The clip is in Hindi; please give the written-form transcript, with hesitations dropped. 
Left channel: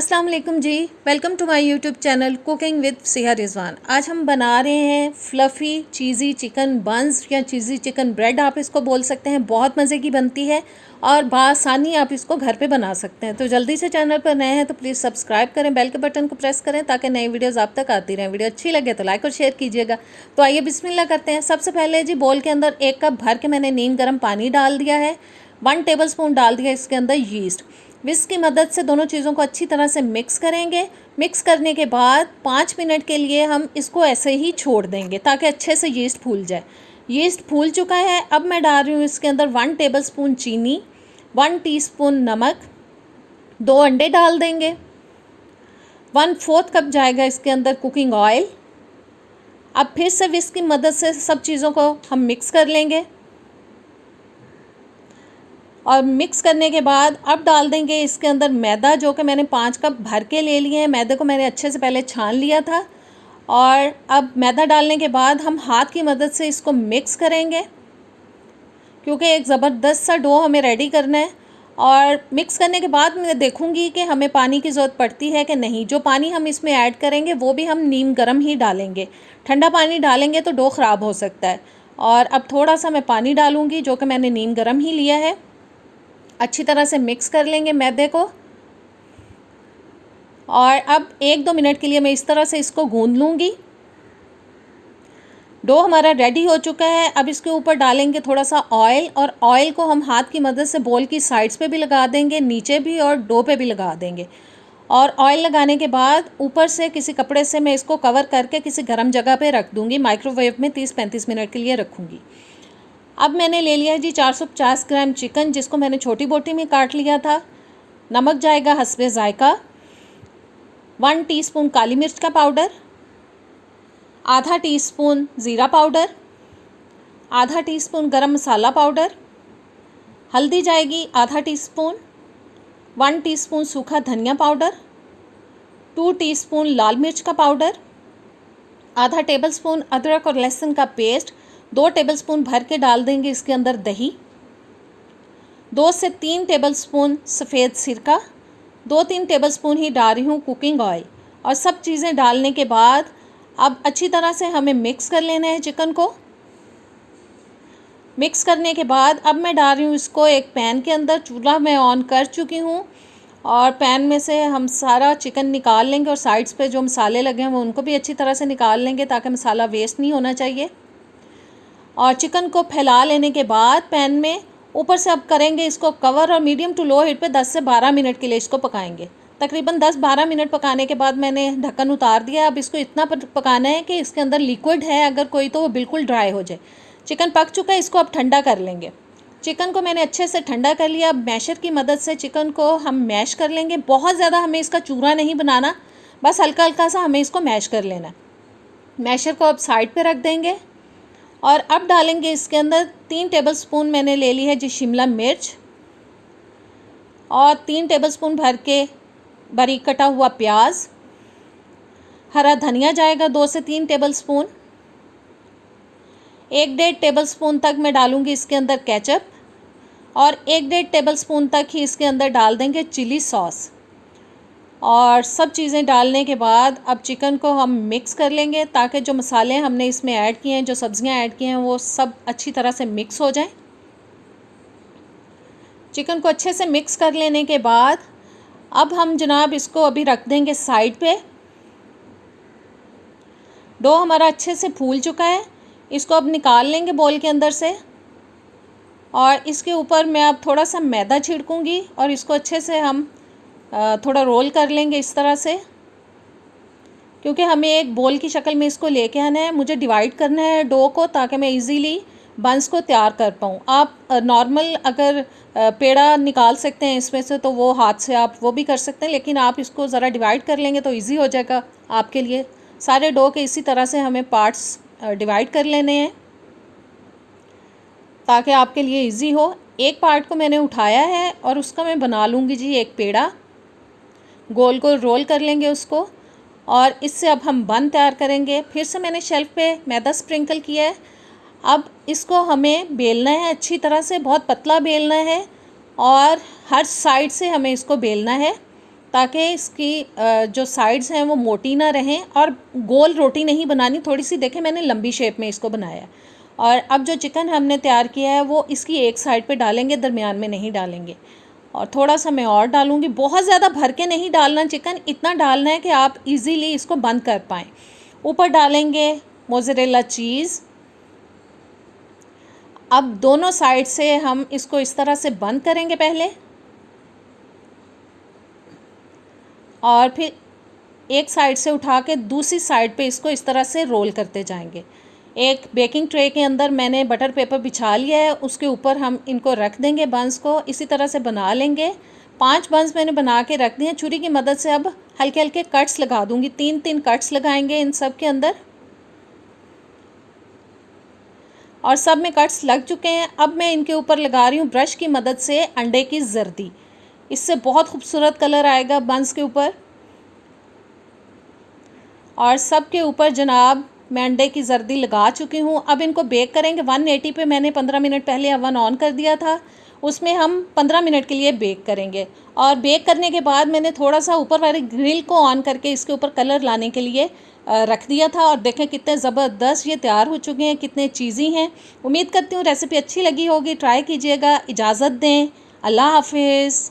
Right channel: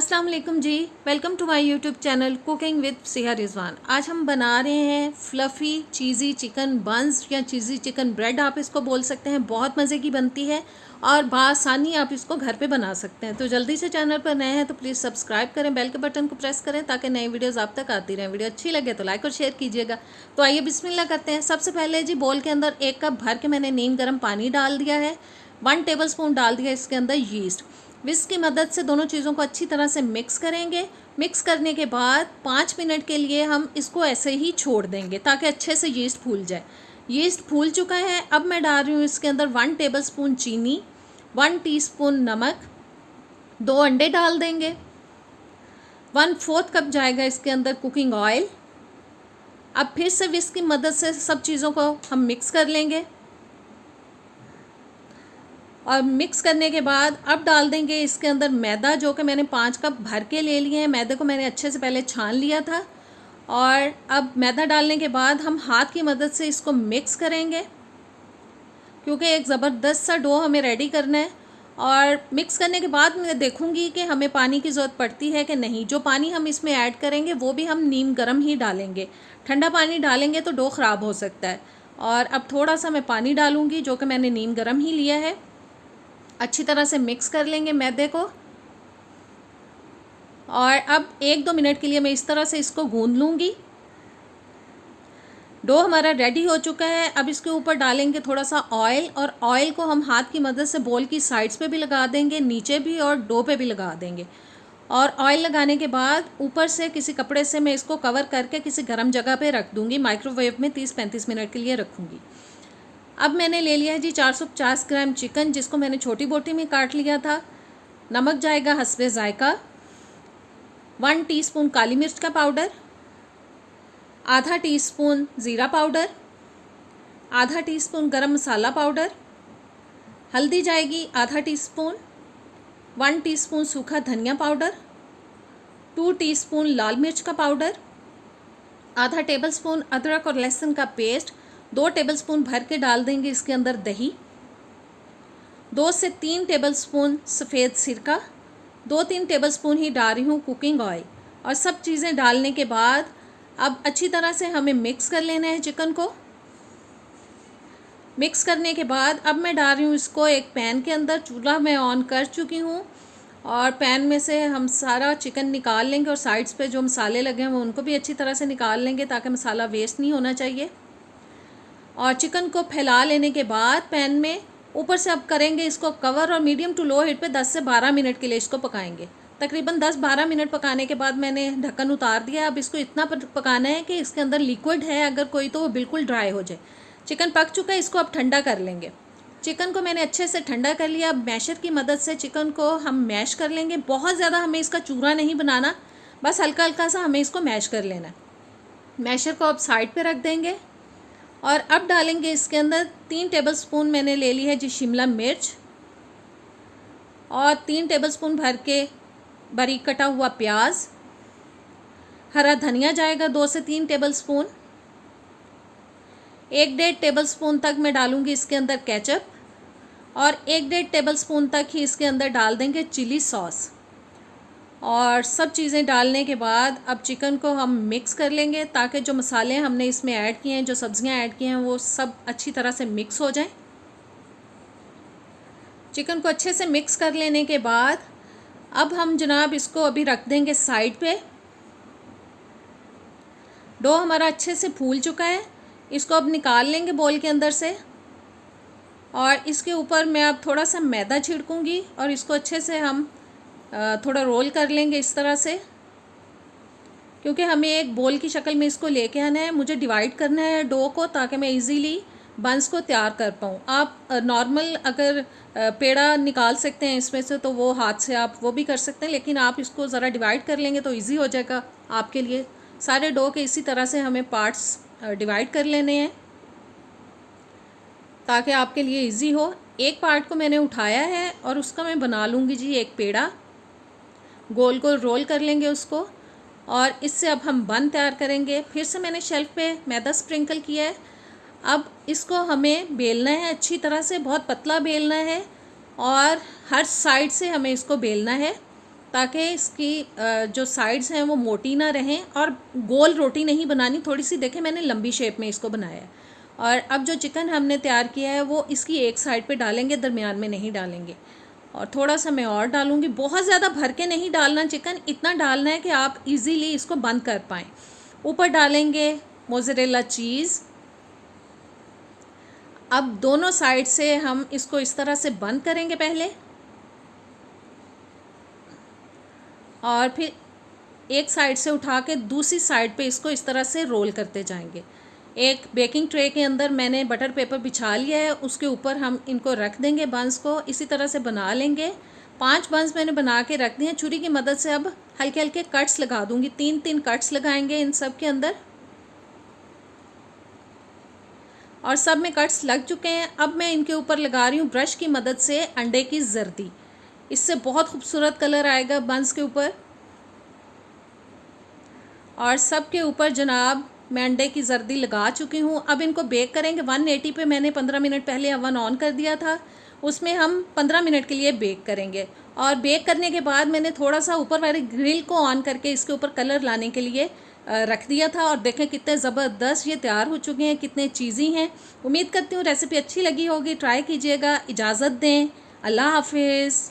अस्सलाम वालेकुम जी। Welcome to my YouTube channel cooking with Siha Rizwan. आज हम बना रहे हैं फ्लफ़ी चीज़ी चिकन बंस या चीज़ी चिकन ब्रेड आप इसको बोल सकते हैं। बहुत मज़े की बनती है और बआसानी आप इसको घर पे बना सकते हैं। तो जल्दी से चैनल पर नए हैं तो प्लीज़ सब्सक्राइब करें, बेल के बटन को प्रेस करें ताकि नई वीडियोज़ आप तक आती रहें। वीडियो अच्छी लगे तो लाइक और शेयर कीजिएगा। तो आइए बिस्मिल्लाह करते हैं। सबसे पहले जी बोल के अंदर 1 कप भर के मैंने नीम गर्म पानी डाल दिया है। 1 टेबलस्पून डाल दिया इसके अंदर यीस्ट। विस्क की मदद से दोनों चीज़ों को अच्छी तरह से मिक्स करेंगे। मिक्स करने के बाद 5 मिनट के लिए हम इसको ऐसे ही छोड़ देंगे ताकि अच्छे से यीस्ट फूल जाए। यीस्ट फूल चुका है। अब मैं डाल रही हूँ इसके अंदर 1 टेबलस्पून चीनी, 1 टीस्पून नमक, 2 अंडे डाल देंगे। 1/4 कप जाएगा इसके अंदर कुकिंग ऑयल। अब फिर से विस्क की मदद से सब चीज़ों को हम मिक्स कर लेंगे और मिक्स करने के बाद अब डाल देंगे इसके अंदर मैदा, जो कि मैंने 5 कप भर के ले लिए हैं। मैदे को मैंने अच्छे से पहले छान लिया था और अब मैदा डालने के बाद हम हाथ की मदद से इसको मिक्स करेंगे क्योंकि एक ज़बरदस्त सा डो हमें रेडी करना है। और मिक्स करने के बाद मैं देखूंगी कि हमें पानी की ज़रूरत पड़ती है कि नहीं। जो पानी हम इसमें ऐड करेंगे वो भी हम नीम गर्म ही डालेंगे। ठंडा पानी डालेंगे तो डो ख़राब हो सकता है। और अब थोड़ा सा मैं पानी डालूँगी जो कि मैंने नीम गर्म ही लिया है। अच्छी तरह से मिक्स कर लेंगे मैदे को और अब 1-2 मिनट के लिए मैं इस तरह से इसको गूंद लूँगी। डो हमारा रेडी हो चुका है। अब इसके ऊपर डालेंगे थोड़ा सा ऑयल और ऑयल को हम हाथ की मदद से बॉल की साइड्स पे भी लगा देंगे, नीचे भी और डो पे भी लगा देंगे। और ऑयल लगाने के बाद ऊपर से किसी कपड़े से मैं इसको कवर करके किसी गर्म जगह पे रख दूँगी। माइक्रोवेव में 30-35 मिनट के लिए रखूँगी। अब मैंने ले लिया है जी 450 ग्राम चिकन, जिसको मैंने छोटी बोटी में काट लिया था। नमक जाएगा हस्बे ज़ायका, 1 टीस्पून काली मिर्च का पाउडर, आधा टीस्पून ज़ीरा पाउडर, आधा टीस्पून गरम मसाला पाउडर, हल्दी जाएगी आधा टीस्पून, 1 टीस्पून सूखा धनिया पाउडर, 2 टीस्पून लाल मिर्च का पाउडर, आधा टेबलस्पून अदरक और लहसुन का पेस्ट, 2 टेबलस्पून भर के डाल देंगे इसके अंदर दही, 2 से 3 टेबलस्पून सफ़ेद सिरका, 2-3 टेबलस्पून ही डाल रही हूँ कुकिंग ऑयल। और सब चीज़ें डालने के बाद अब अच्छी तरह से हमें मिक्स कर लेना है चिकन को। मिक्स करने के बाद अब मैं डाल रही हूँ इसको एक पैन के अंदर। चूल्हा मैं ऑन कर चुकी हूँ और पैन में से हम सारा चिकन निकाल लेंगे और साइड्स पे जो मसाले लगे हैं वो उनको भी अच्छी तरह से निकाल लेंगे ताकि मसाला वेस्ट नहीं होना चाहिए। और चिकन को फैला लेने के बाद पैन में ऊपर से अब करेंगे इसको कवर और मीडियम टू लो हीट पे 10 से 12 मिनट के लिए इसको पकाएंगे। तकरीबन 10-12 मिनट पकाने के बाद मैंने ढक्कन उतार दिया। अब इसको इतना पकाना है कि इसके अंदर लिक्विड है अगर कोई तो वो बिल्कुल ड्राई हो जाए। चिकन पक चुका है, इसको अब ठंडा कर लेंगे। चिकन को मैंने अच्छे से ठंडा कर लिया। अब मैशर की मदद से चिकन को हम मैश कर लेंगे। बहुत ज़्यादा हमें इसका चूरा नहीं बनाना, बस हल्का हल्का सा हमें इसको मैश कर लेना है। मैशर को अब साइड पर रख देंगे और अब डालेंगे इसके अंदर 3 टेबलस्पून मैंने ले ली है जी शिमला मिर्च और 3 टेबलस्पून भर के बारीक कटा हुआ प्याज। हरा धनिया जाएगा 2 से 3 टेबलस्पून। 1-1.5 टेबलस्पून तक मैं डालूँगी इसके अंदर केचप और 1-1.5 टेबलस्पून तक ही इसके अंदर डाल देंगे चिली सॉस। और सब चीज़ें डालने के बाद अब चिकन को हम मिक्स कर लेंगे ताकि जो मसाले हमने इसमें ऐड किए हैं, जो सब्ज़ियां ऐड की हैं, वो सब अच्छी तरह से मिक्स हो जाएं। चिकन को अच्छे से मिक्स कर लेने के बाद अब हम जनाब इसको अभी रख देंगे साइड पे। डो हमारा अच्छे से फूल चुका है, इसको अब निकाल लेंगे बोल के अंदर से और इसके ऊपर मैं अब थोड़ा सा मैदा छिड़कूँगी और इसको अच्छे से हम थोड़ा रोल कर लेंगे इस तरह से, क्योंकि हमें एक बोल की शक्ल में इसको लेके आना है। मुझे डिवाइड करना है डो को ताकि मैं इजीली बंस को तैयार कर पाऊँ। आप नॉर्मल अगर पेड़ा निकाल सकते हैं इसमें से तो वो हाथ से आप वो भी कर सकते हैं, लेकिन आप इसको ज़रा डिवाइड कर लेंगे तो इजी हो जाएगा आपके लिए। सारे डो के इसी तरह से हमें पार्ट्स डिवाइड कर लेने हैं ताकि आपके लिए इजी हो। एक पार्ट को मैंने उठाया है और उसका मैं बना लूँगी जी एक पेड़ा। गोल गोल रोल कर लेंगे उसको और इससे अब हम बन तैयार करेंगे। फिर से मैंने शेल्फ पे मैदा स्प्रिंकल किया है। अब इसको हमें बेलना है अच्छी तरह से, बहुत पतला बेलना है और हर साइड से हमें इसको बेलना है ताकि इसकी जो साइड्स हैं वो मोटी ना रहें, और गोल रोटी नहीं बनानी, थोड़ी सी देखें मैंने लंबी शेप में इसको बनाया। और अब जो चिकन हमने तैयार किया है वो इसकी एक साइड पे डालेंगे, दरमियान में नहीं डालेंगे। और थोड़ा सा मैं और डालूँगी, बहुत ज़्यादा भर के नहीं डालना चिकन, इतना डालना है कि आप इजीली इसको बंद कर पाएँ। ऊपर डालेंगे मोज़रेला चीज़। अब दोनों साइड से हम इसको इस तरह से बंद करेंगे पहले, और फिर एक साइड से उठा के दूसरी साइड पे इसको इस तरह से रोल करते जाएंगे। एक बेकिंग ट्रे के अंदर मैंने बटर पेपर बिछा लिया है, उसके ऊपर हम इनको रख देंगे बंस को, इसी तरह से बना लेंगे। 5 बंस मैंने बना के रख दिए हैं। छुरी की मदद से अब हल्के हल्के कट्स लगा दूंगी, 3-3 कट्स लगाएंगे इन सब के अंदर, और सब में कट्स लग चुके हैं। अब मैं इनके ऊपर लगा रही हूँ ब्रश की मदद से अंडे की जर्दी, इससे बहुत खूबसूरत कलर आएगा बंस के ऊपर। और सब के ऊपर जनाब मैं अंडे की जर्दी लगा चुकी हूँ। अब इनको बेक करेंगे 180 पे। मैंने 15 मिनट पहले अवन ऑन कर दिया था, उसमें हम 15 मिनट के लिए बेक करेंगे। और बेक करने के बाद मैंने थोड़ा सा ऊपर वाले ग्रिल को ऑन करके इसके ऊपर कलर लाने के लिए रख दिया था। और देखें कितने ज़बरदस्त ये तैयार हो चुके हैं, कितने चीज़ी हैं। उम्मीद करती हूँ रेसिपी अच्छी लगी होगी, ट्राई कीजिएगा। इजाज़त दें, अल्लाह हाफिज़।